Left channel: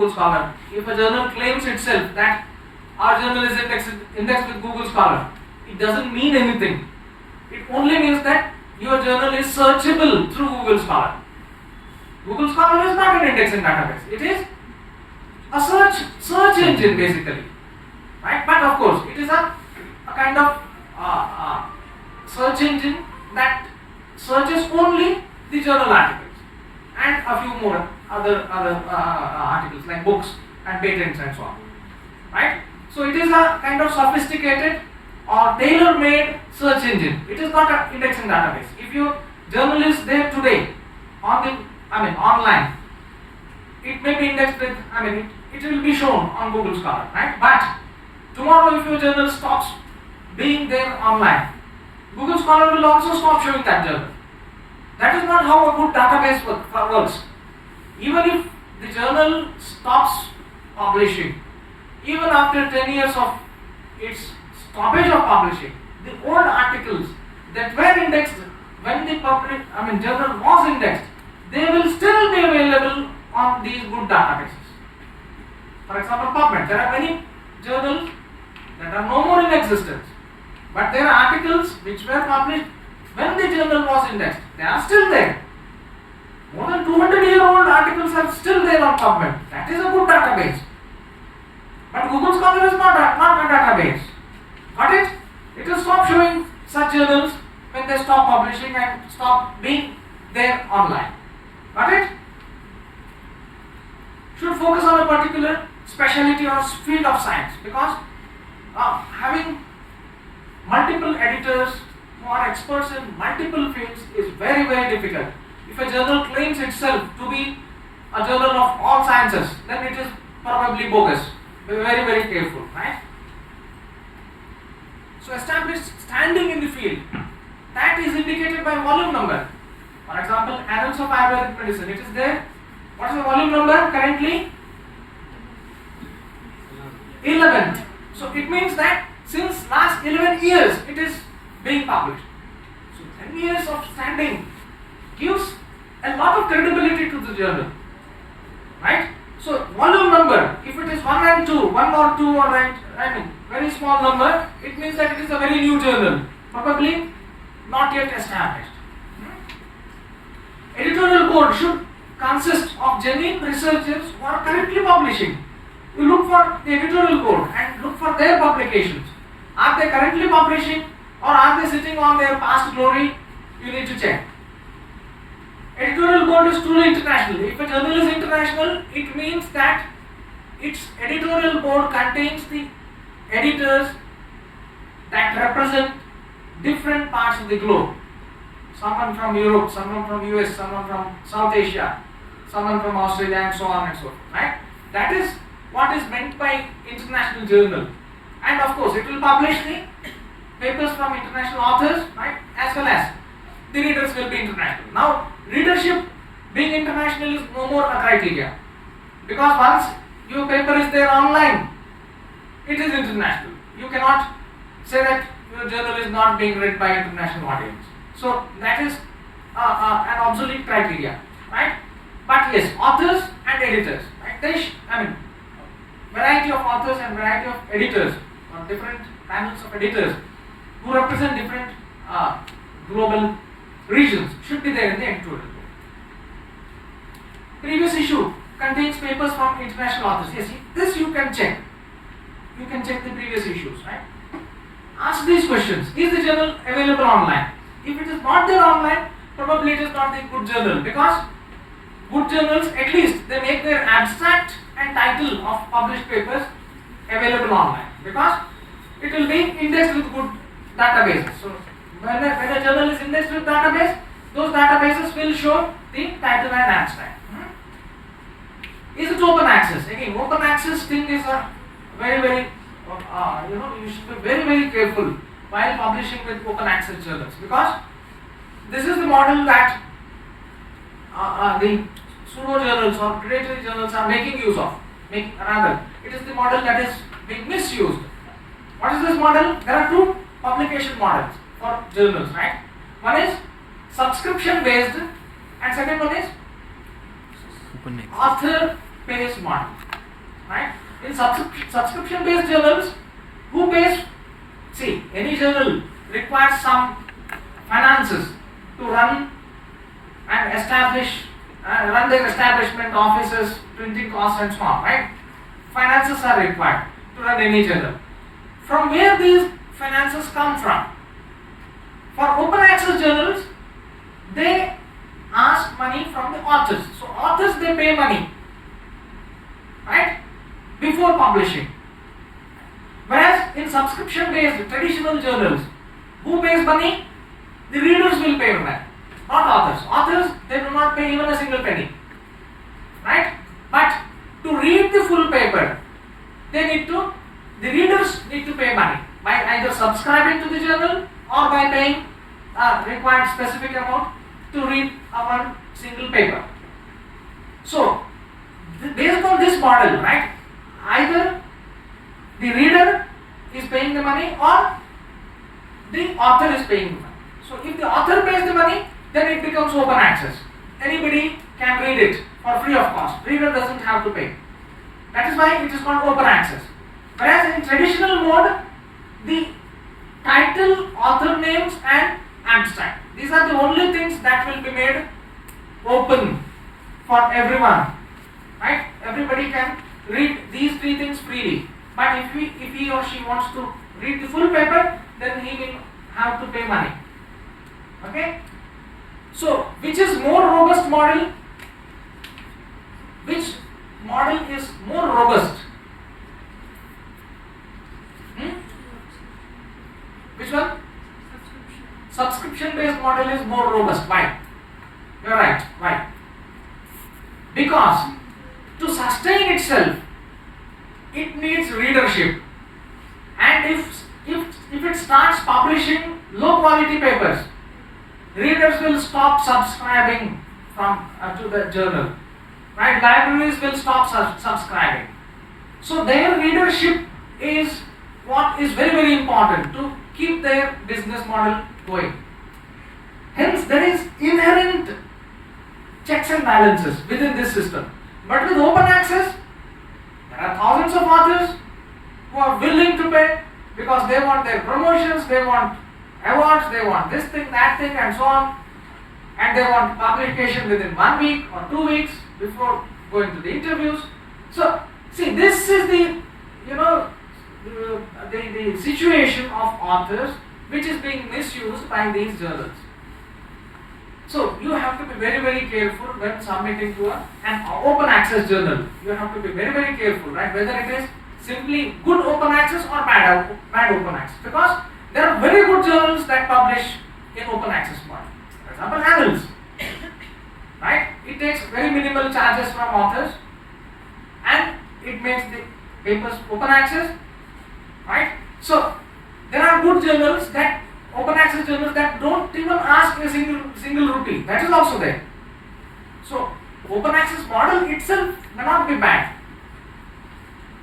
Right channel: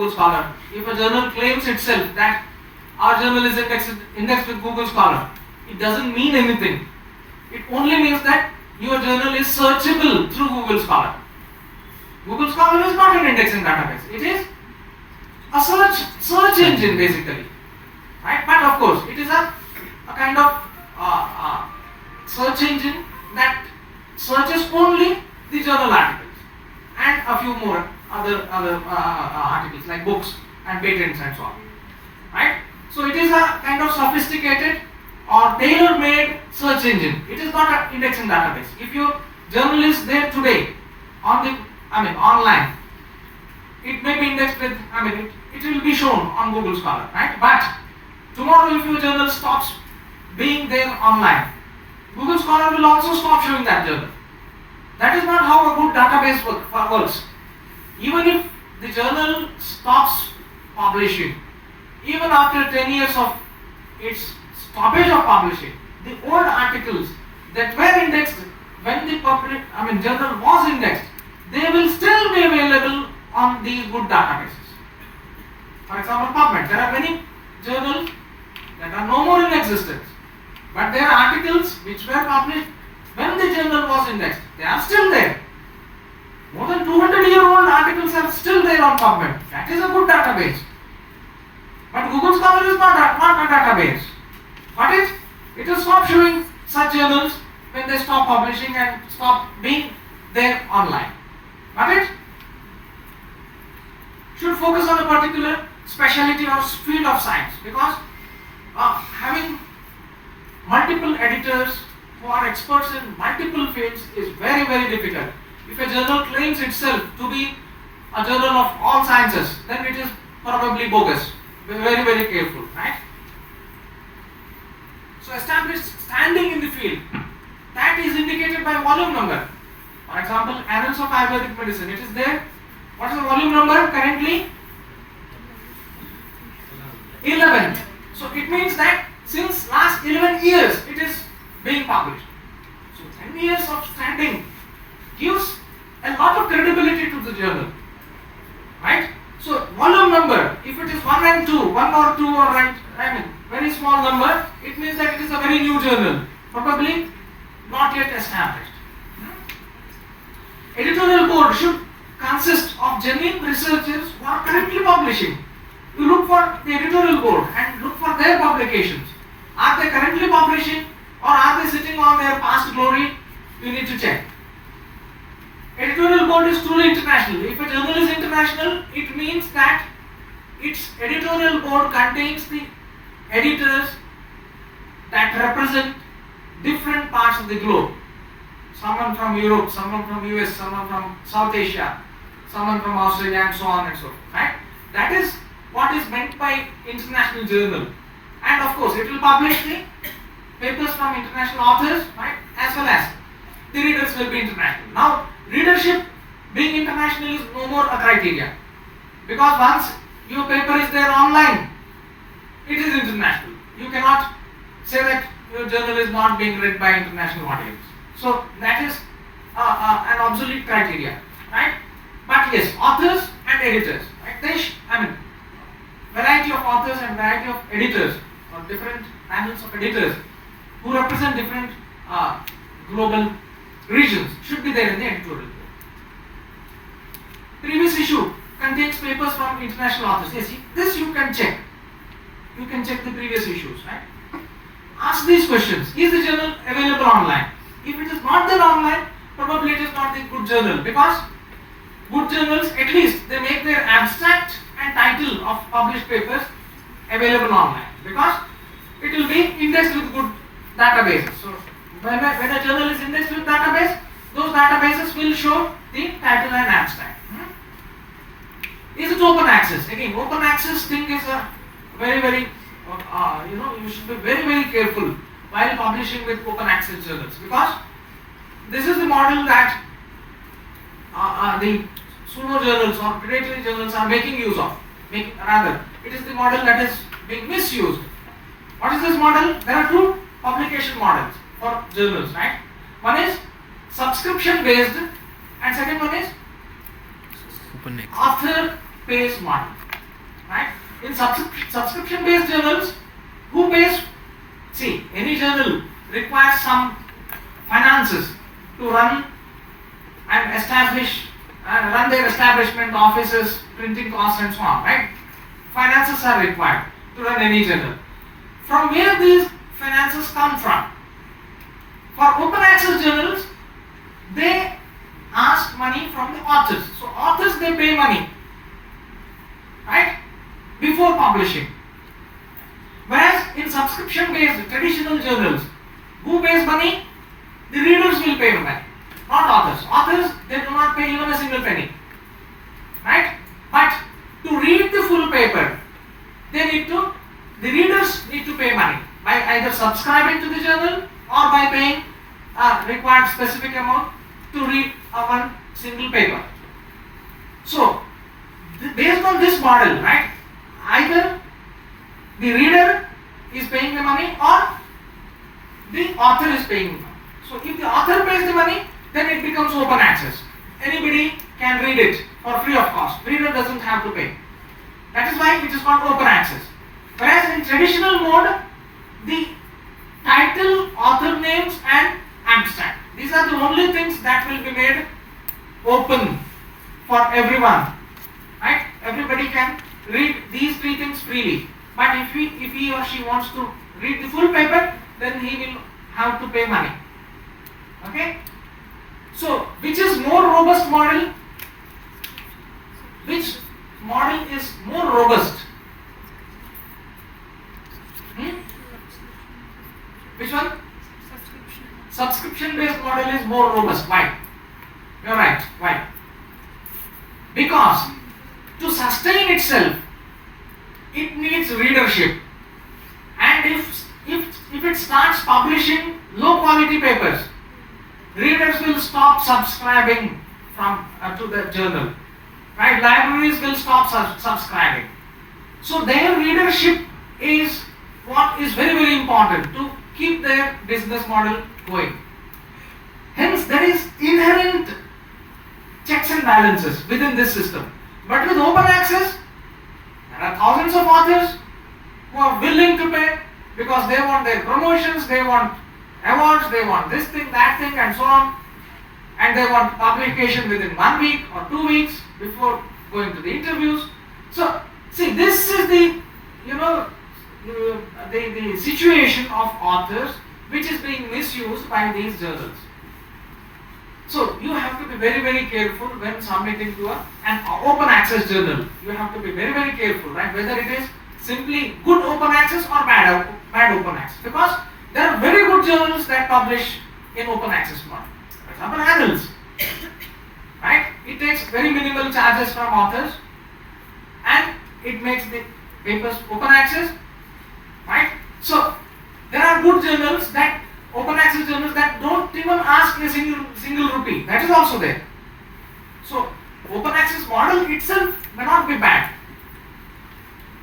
Google Scholar. If a journal claims itself that our journal is indexed with Google Scholar, it doesn't mean anything. It only means that your journal is searchable through Google Scholar. Google Scholar is not an indexing database. It is a search engine basically, right? But of course, it is a kind of search engine that searches only the journal articles and a few more other articles like books and patents and so on, right? So it is a kind of sophisticated or tailor-made search engine. It is not an indexing database. If your journal is there today online, it may be indexed with, it will be shown on Google Scholar, right? But tomorrow if your journal stops being there online, Google Scholar will also stop showing that journal. That is not how a good database works. Even if the journal stops publishing, even after 10 years of its stoppage of publishing, the old articles that were indexed when the journal was indexed, they will still be available on these good databases. For example, PubMed. There are many journals that are no more in existence, but there are articles which were published when the journal was indexed. They are still there. More than 200-year-old articles are still there on PubMed. That is a good database. But Google Scholar is not a database. Got it? It will stop showing such journals when they stop publishing and stop being there online. Got it? Should focus on a particular specialty or field of science, because having multiple editors who are experts in multiple fields is very, very difficult. If a journal claims itself to be a journal of all sciences, then it is probably bogus. Be very, very careful, right? So establish standing in the field. That is indicated by volume number. For example, Annals of Ayurvedic Medicine, it is there. What is the volume number currently? 11. So it means that since last 11 years it is being published. So 10 years of standing gives a lot of credibility to the journal, right? So volume number, if it is 1 and 2, 1 or 2 or very small number, it means that it is a very new journal, probably not yet established. Editorial board should consist of genuine researchers who are currently publishing. You look for the editorial board and look for their publications. Are they currently publishing or are they sitting on their past glory? You need to check. Editorial board is truly international. If a journal is international, it means that its editorial board contains the editors that represent different parts of the globe. Someone from Europe, someone from US, someone from South Asia, someone from Australia, and so on and so forth, right? That is what is meant by international journal. And of course, it will publish the papers from international authors, right? As well as the readers will be international. Now, readership being international is no more a criteria, because once your paper is there online, it is international. You cannot say that your journal is not being read by international audience. So that is an obsolete criteria, right? But yes, authors and editors, right? Variety of authors and variety of editors, or different panels of editors who represent different global regions should be there in the editorial board. Previous issue contains papers from international authors. Yes, this you can check. You can check the previous issues, right? Ask these questions. Is the journal available online? If it is not there online, probably it is not a good journal, because good journals, at least they make their abstract and title of published papers available online, because it will be indexed with good databases. So when a journal is indexed with database, those databases will show the title and abstract. Is it open access? Again, open access thing is a very, very, you should be very, very careful while publishing with open access journals, because this is the model that the pseudo journals or predatory journals are making use of. It is the model that is being misused. What is this model? There are two publication models for journals, right? One is subscription based and second one is author pays model. in subscription-based journals, who pays? See, any journal requires some finances to run and establish, run their establishment, offices, printing costs and so on, right? Finances are required to run any journal. From where these finances come from? For open access journals, they ask money from the authors. So authors, they pay money, right, before publishing. Whereas in subscription-based traditional journals, who pays money? The readers will pay money, not authors. Authors, they do not pay even a single penny, right? But to read the full paper, the readers need to pay money by either subscribing to the journal or by paying a required specific amount to read one single paper. So, based on this model, right, either the reader is paying the money or the author is paying the money. So, if the author pays the money, then it becomes open access. Anybody can read it for free of cost. Reader doesn't have to pay. That is why it is called open access. Whereas in traditional mode, the title, author names and abstract, these are the only things that will be made open for everyone, right? Everybody can read these three things freely. But if he or she wants to read the full paper, then he will have to pay money. Okay? So, which is more robust model? Which model is more robust? Which one? Subscription based model is more robust. Why? You are right. Why? Because to sustain itself, it needs readership. And if it starts publishing low quality papers, readers will stop subscribing to the journal. Right? Libraries will stop subscribing. So their readership is what is very, very important to keep their business model going. Hence, there is inherent checks and balances within this system. But with open access, there are thousands of authors who are willing to pay because they want their promotions, they want awards, they want this thing, that thing and so on. And they want publication within 1 week or 2 weeks before going to the interviews. So, see, this is the situation of authors which is being misused by these journals. So, you have to be very, very careful when submitting to an open access journal. You have to be very, very careful, right? Whether it is simply good open access or bad open access. Because there are very good journals that publish in open access model. For example, annals. Right? It takes very minimal charges from authors and it makes the papers open access. Right? So, there are good journals that, open access journals that don't even ask a single rupee. That is also there. So, open access model itself may not be bad.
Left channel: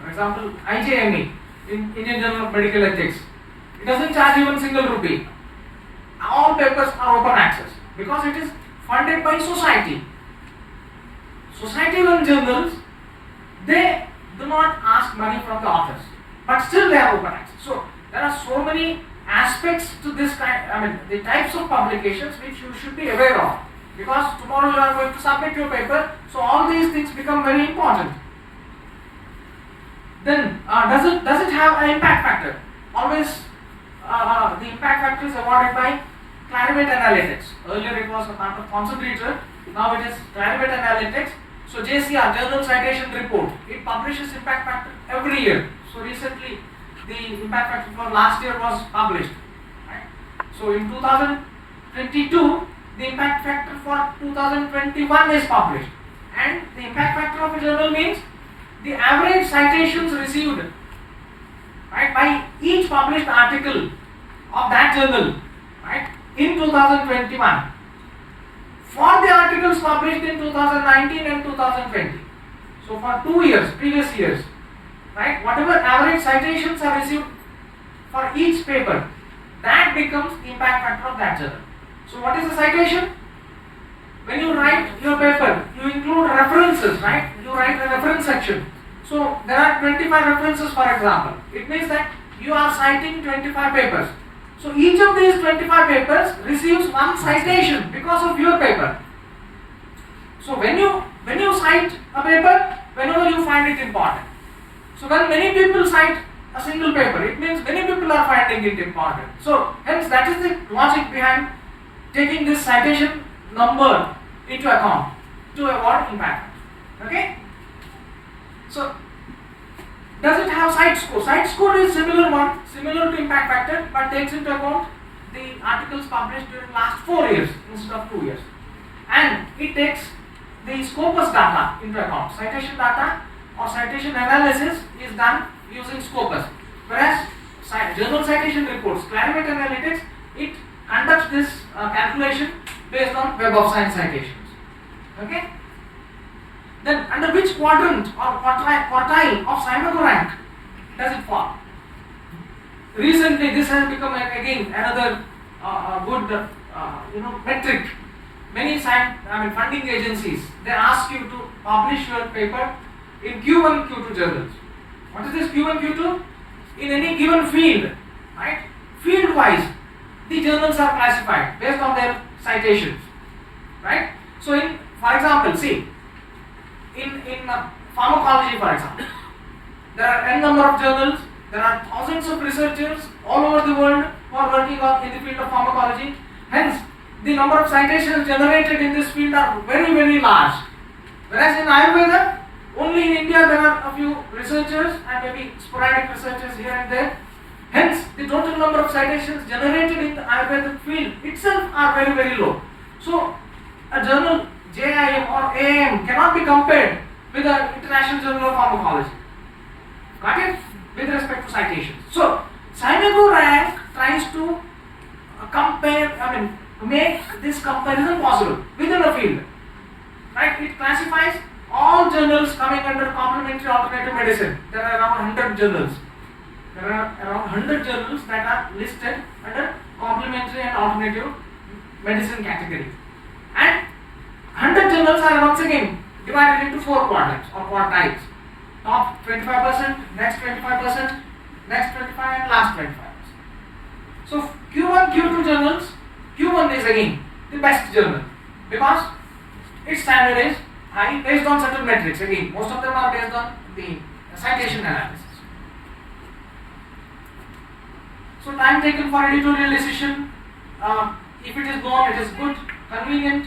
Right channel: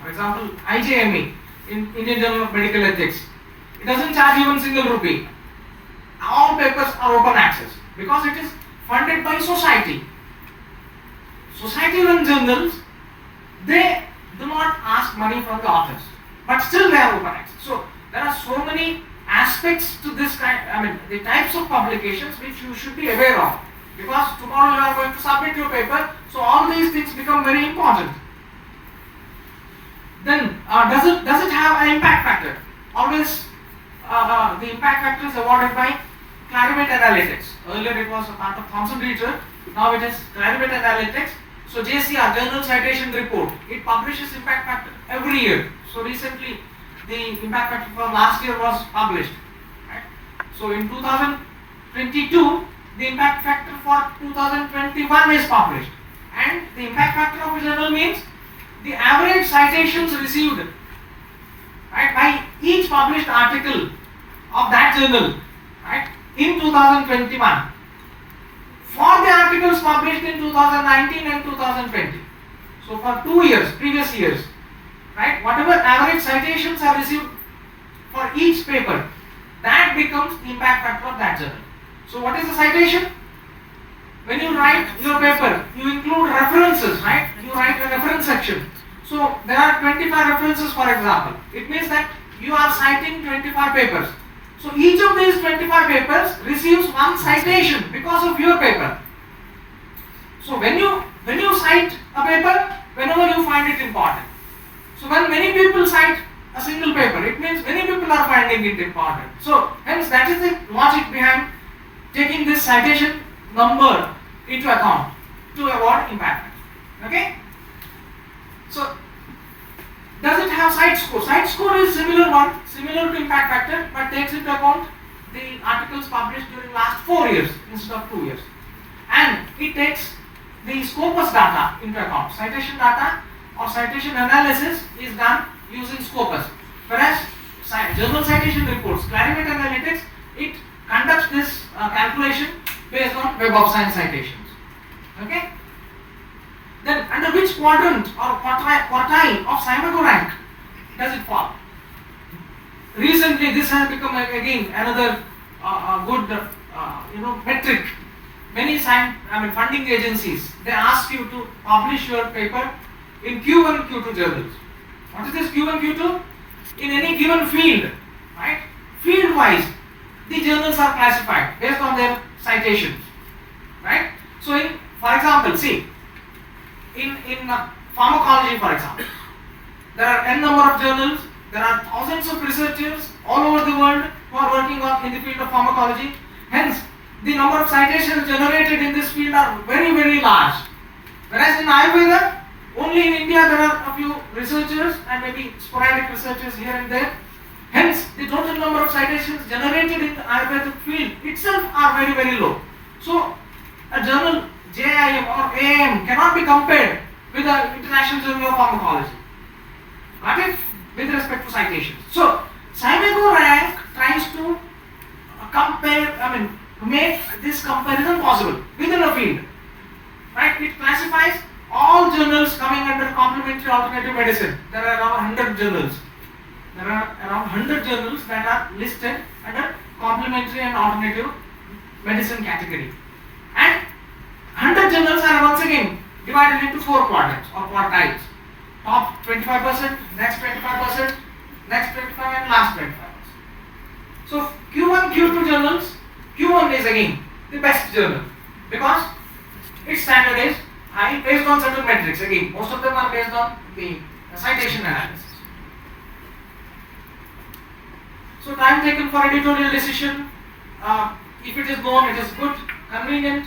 For example, IJME, in Indian Journal of Medical Ethics, it doesn't charge even single rupee. All papers are open access because it is funded by society. Society-run journals, they do not ask money from the authors, but still they are open access. So there are so many aspects to this kind, the types of publications which you should be aware of, because tomorrow you are going to submit your paper, so all these things become very important. Then does it have an impact factor? Always the impact factor is awarded by Clarivate Analytics. Earlier it was a part of Thomson Reuters, now it is Clarivate Analytics. So JCR, Journal Citation Report, it publishes impact factor every year. So recently the impact factor for last year was published. Right? So in 2022, the impact factor for 2021 is published. And the impact factor of a journal means the average citations received, right, by each published article of that journal, right, in 2021 for the articles published in 2019 and 2020. So for 2 years, previous years, right, whatever average citations are received for each paper, that becomes the impact factor of that journal. So what is the citation? When you write your paper, you include references, right? You write a reference section. So there are 25 references, for example. It means that you are citing 25 papers. So each of these 25 papers receives one citation because of your paper. So when you cite a paper, whenever you find it important. So when many people cite a single paper, it means many people are finding it important. So hence that is the logic behind taking this citation number into account to avoid impact. Okay? So does it have site score? Site score is similar to impact factor, but takes into account the articles published during last 4 years instead of 2 years. And it takes the Scopus data into account. Citation data or citation analysis is done using Scopus. Whereas journal citation reports, Clarivate Analytics, it conducts this calculation based on Web of Science citations. Okay? Then under which quadrant or quartile of Scimago rank does it fall? Recently this has become again another good metric. Many funding agencies, they ask you to publish your paper in Q1 and Q2 journals. What is this Q1 Q2? In any given field, right? Field wise, the journals are classified based on their citations, right? So for example, see, in pharmacology, for example, there are n number of journals, there are thousands of researchers all over the world who are working in the field of pharmacology. Hence, the number of citations generated in this field are very, very large. Whereas in Ayurveda, only in India there are a few researchers and maybe sporadic researchers here and there. Hence, the total number of citations generated in the Ayurvedic field itself are very, very low. So, a journal JIM or AIM cannot be compared with the International Journal of Pharmacology. Got it? With respect to citations. So, Scimago rank tries to make this comparison possible within a field. Right? It classifies all journals coming under complementary alternative medicine. There are around 100 journals. There are around 100 journals that are listed under complementary and alternative medicine category. And 100 journals are once again divided into 4 quadrants or quartiles. Top 25%, next 25%, next 25% and last 25%. So Q1, Q2 journals, Q1 is again the best journal because its standard is high based on certain metrics. Again, most of them are based on the citation analysis. So time taken for editorial decision, if it is known, it is good, convenient.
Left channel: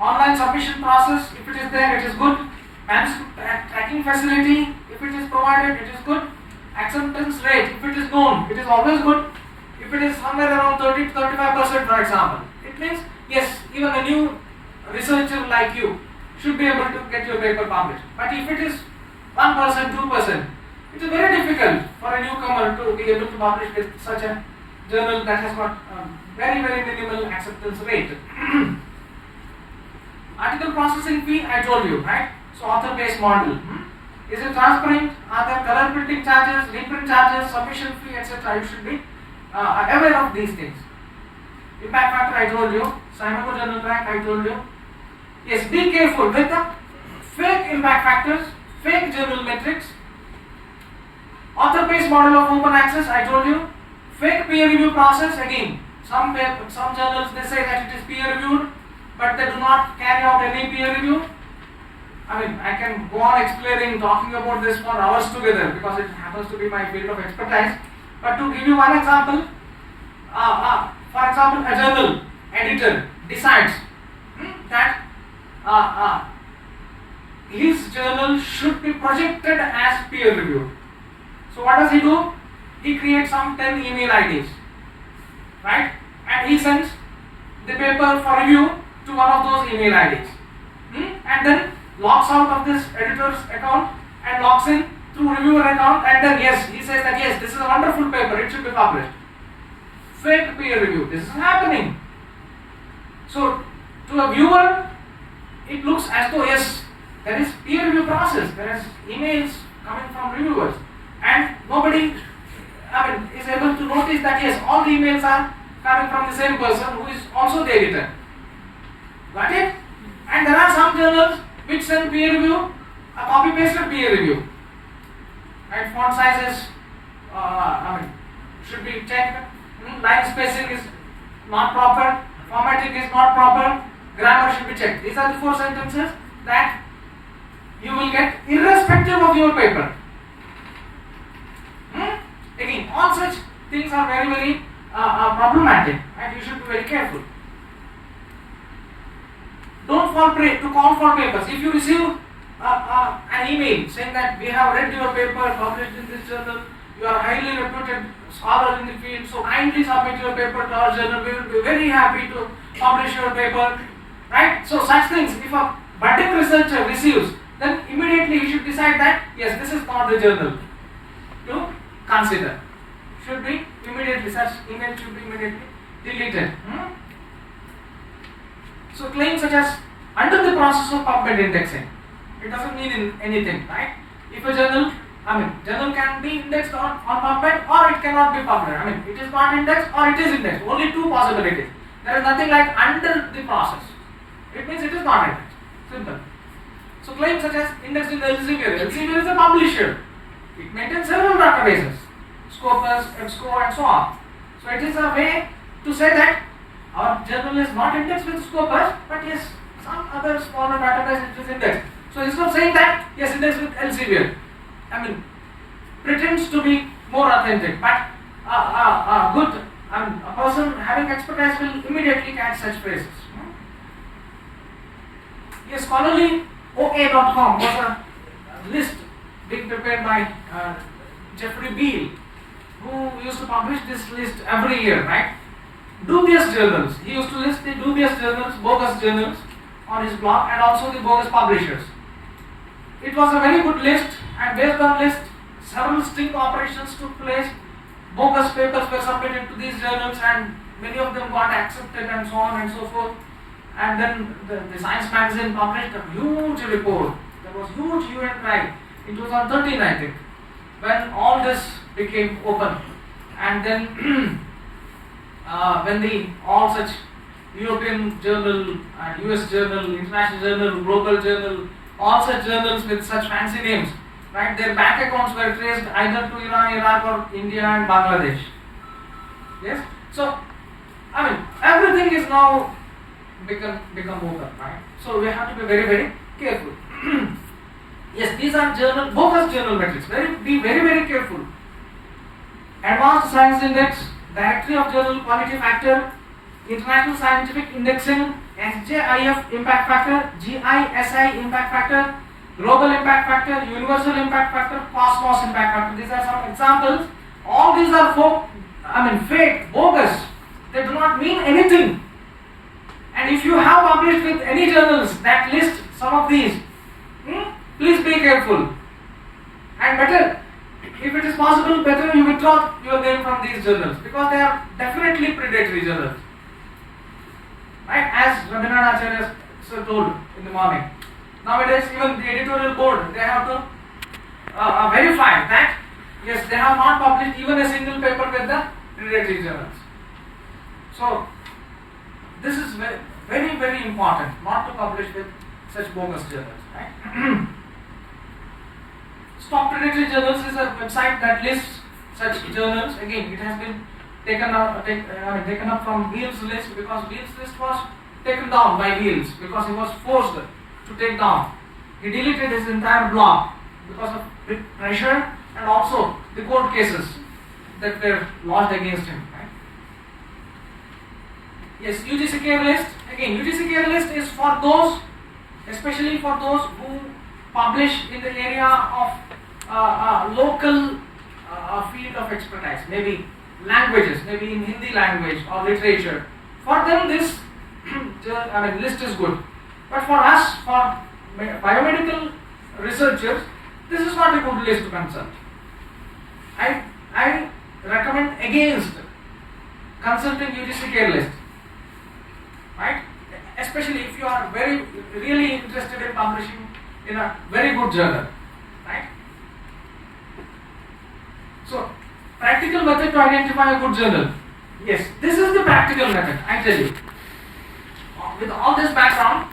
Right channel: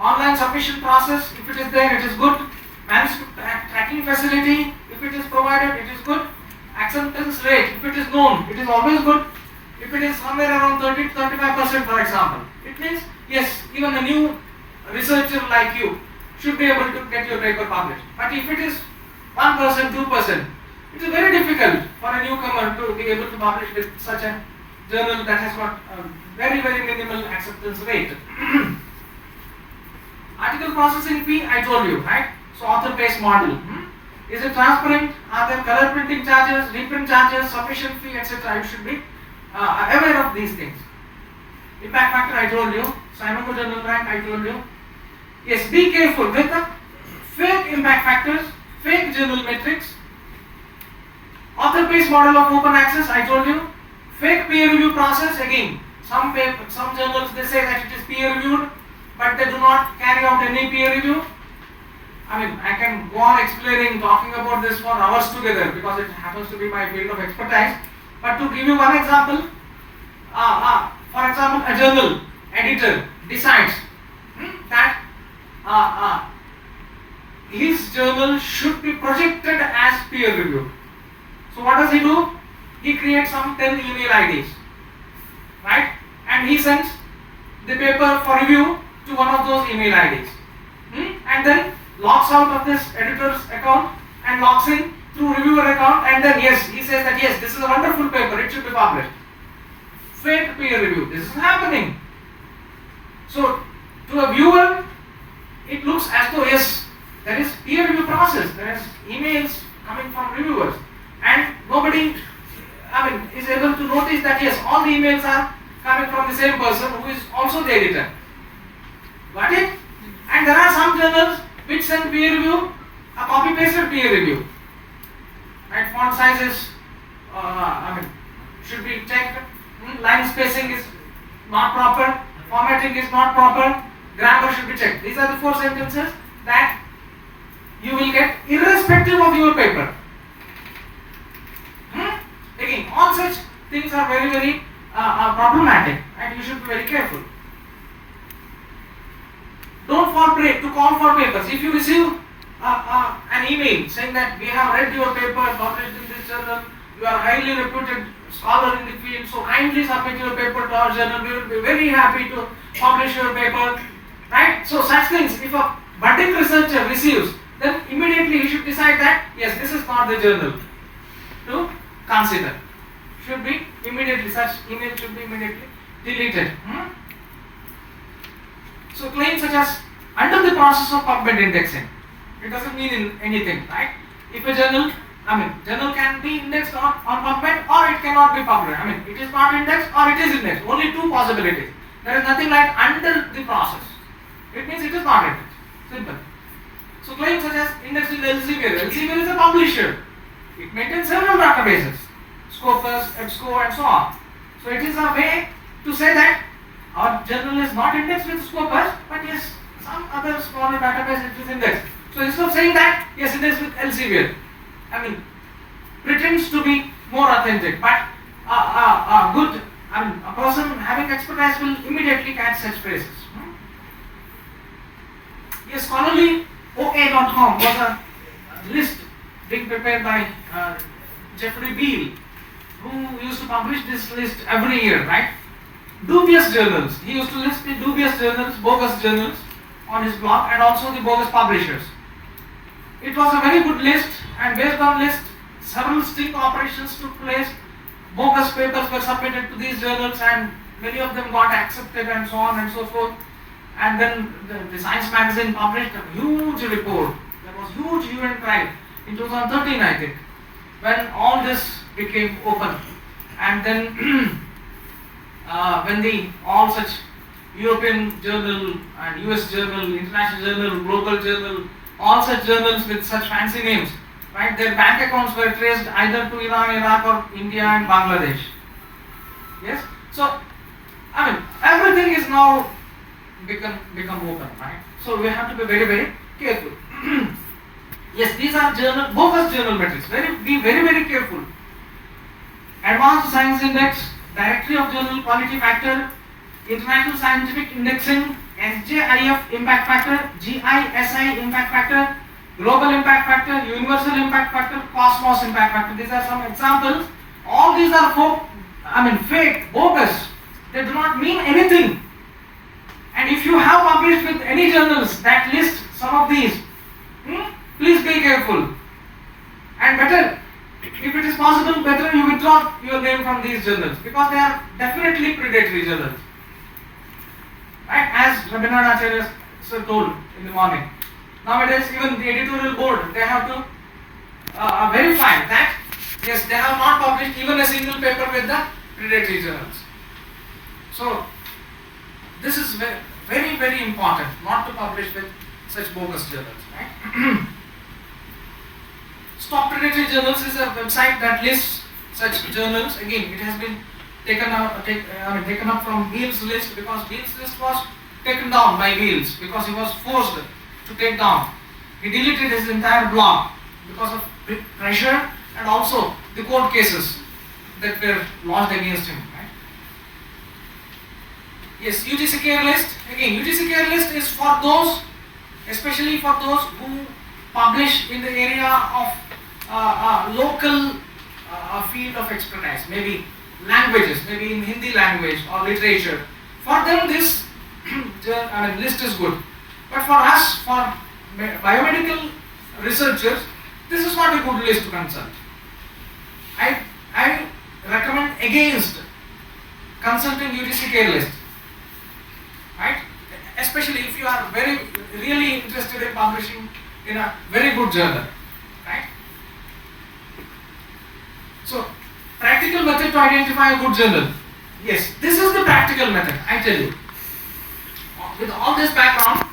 Online submission process, if it is there, it is good. Manuscript tracking facility, if it is provided, it is good. Acceptance rate, if it is known, it is always good. If it is somewhere around 30 to 35%, for example, it means yes, even a new researcher like you should be able to get your paper published. But if it is 1%, 2%, it is very difficult for a newcomer to be able to publish with such a journal that has got a very, very minimal acceptance rate. Article processing fee, I told you, right? So author pays model. Is it transparent? Are there color printing charges, reprint charges, submission fee, etc.? You should be aware of these things. Impact factor, I told you. Scimago journal rank, I told you. Yes, be careful with the fake impact factors, fake journal metrics. Author pays model of open access, I told you. Fake peer review process, again. Some journals, they say that it is peer reviewed, but they do not carry out any peer review. I can go on explaining, talking about this for hours together because it happens to be my field of expertise. But to give you one example, for example, a journal editor decides that his journal should be projected as peer review. So what does he do? He creates some 10 email IDs, right? And he sends the paper for review to one of those email IDs. And then logs out of this editor's account and logs in through reviewer account, and then yes, he says that yes, this is a wonderful paper, it should be published. Fake peer review, this is happening. So to a viewer, it looks as though yes, there is peer review process, there is emails coming from reviewers, and nobody is able to notice that yes, all the emails are coming from the same person who is also the editor. Got it? And there are some journals which send peer review, a copy pasted peer review. right? Font size is, should be checked. Line spacing is not proper. Formatting is not proper. Grammar should be checked. These are the 4 sentences that you will get irrespective of your paper. Again, all such things are very, very problematic, and you should be very careful. Don't fall prey to call for papers. If you receive an email saying that we have read your paper published in this journal, you are highly reputed scholar in the field, so kindly submit your paper to our journal. We will be very happy to publish your paper. Right? So such things, if a budding researcher receives, then immediately he should decide that yes, this is not the journal to consider. Should be immediately, such email should be immediately deleted. So claims such as under the process of PubMed indexing, it doesn't mean anything, right? If a journal, journal can be indexed on PubMed or it cannot be PubMed. It is not indexed or it is indexed. Only 2 possibilities. There is nothing like under the process. It means it is not indexed. Simple. So claims such as indexed in Elsevier. Elsevier is a publisher. It maintains several databases, Scopus, EBSCO, and so on. So it is a way to say that our journal is not indexed with Scopus, but yes, some other smaller database it is indexed. So instead of saying that yes, indexed with Elsevier, pretends to be more authentic, but a person having expertise will immediately catch such phrases. Yes, scholarly OA.com was a list being prepared by Jeffrey Beal, who used to publish this list every year, right? Dubious journals. He used to list the dubious journals, bogus journals on his blog, and also the bogus publishers. It was a very good list, and based on list, several sting operations took place. Bogus papers were submitted to these journals, and many of them got accepted, and so on and so forth. And then the Science magazine published a huge report. There was huge hue and cry in 2013, I think, when all this became open. And then when all such European journal and US journal, international journal, global journal, all such journals with such fancy names, right? Their bank accounts were traced either to Iran, Iraq, or India and Bangladesh. Yes. So everything is now become open, right? So we have to be very, very careful. Yes, these are bogus journal metrics. Be very, very careful. Advanced Science Index, Directory of Journal Quality Factor, International Scientific Indexing, SJIF Impact Factor, GISI Impact Factor, Global Impact Factor, Universal Impact Factor, Cosmos Impact Factor. These are some examples. All these are fake, bogus. They do not mean anything. And if you have published with any journals that list some of these, please be careful. And better, if it is possible, better you withdraw your name from these journals, because they are definitely predatory journals. Right? As Rabindranath Acharya sir told in the morning. Nowadays, even the editorial board, they have to verify that yes, they have not published even a single paper with the predatory journals. So this is very, very, very important, not to publish with such bogus journals, right? Stop Predatory Journals is a website that lists such journals. Again, it has been taken up from Beal's list, because Beal's list was taken down by Beals because he was forced to take down. He deleted his entire blog because of pressure and also the court cases that were lodged against him. Yes, UGC care list. Again, UGC care list is for those, especially for those who publish in the area of local field of expertise, maybe languages, maybe in Hindi language or literature. For them, this list is good. But for us, for biomedical researchers, this is not a good list to consult. I recommend against consulting UGC care list. Right? Especially if you are really interested in publishing in a very good journal. Right? So, practical method to identify a good journal. Yes, this is the practical method, I tell you. With all this background,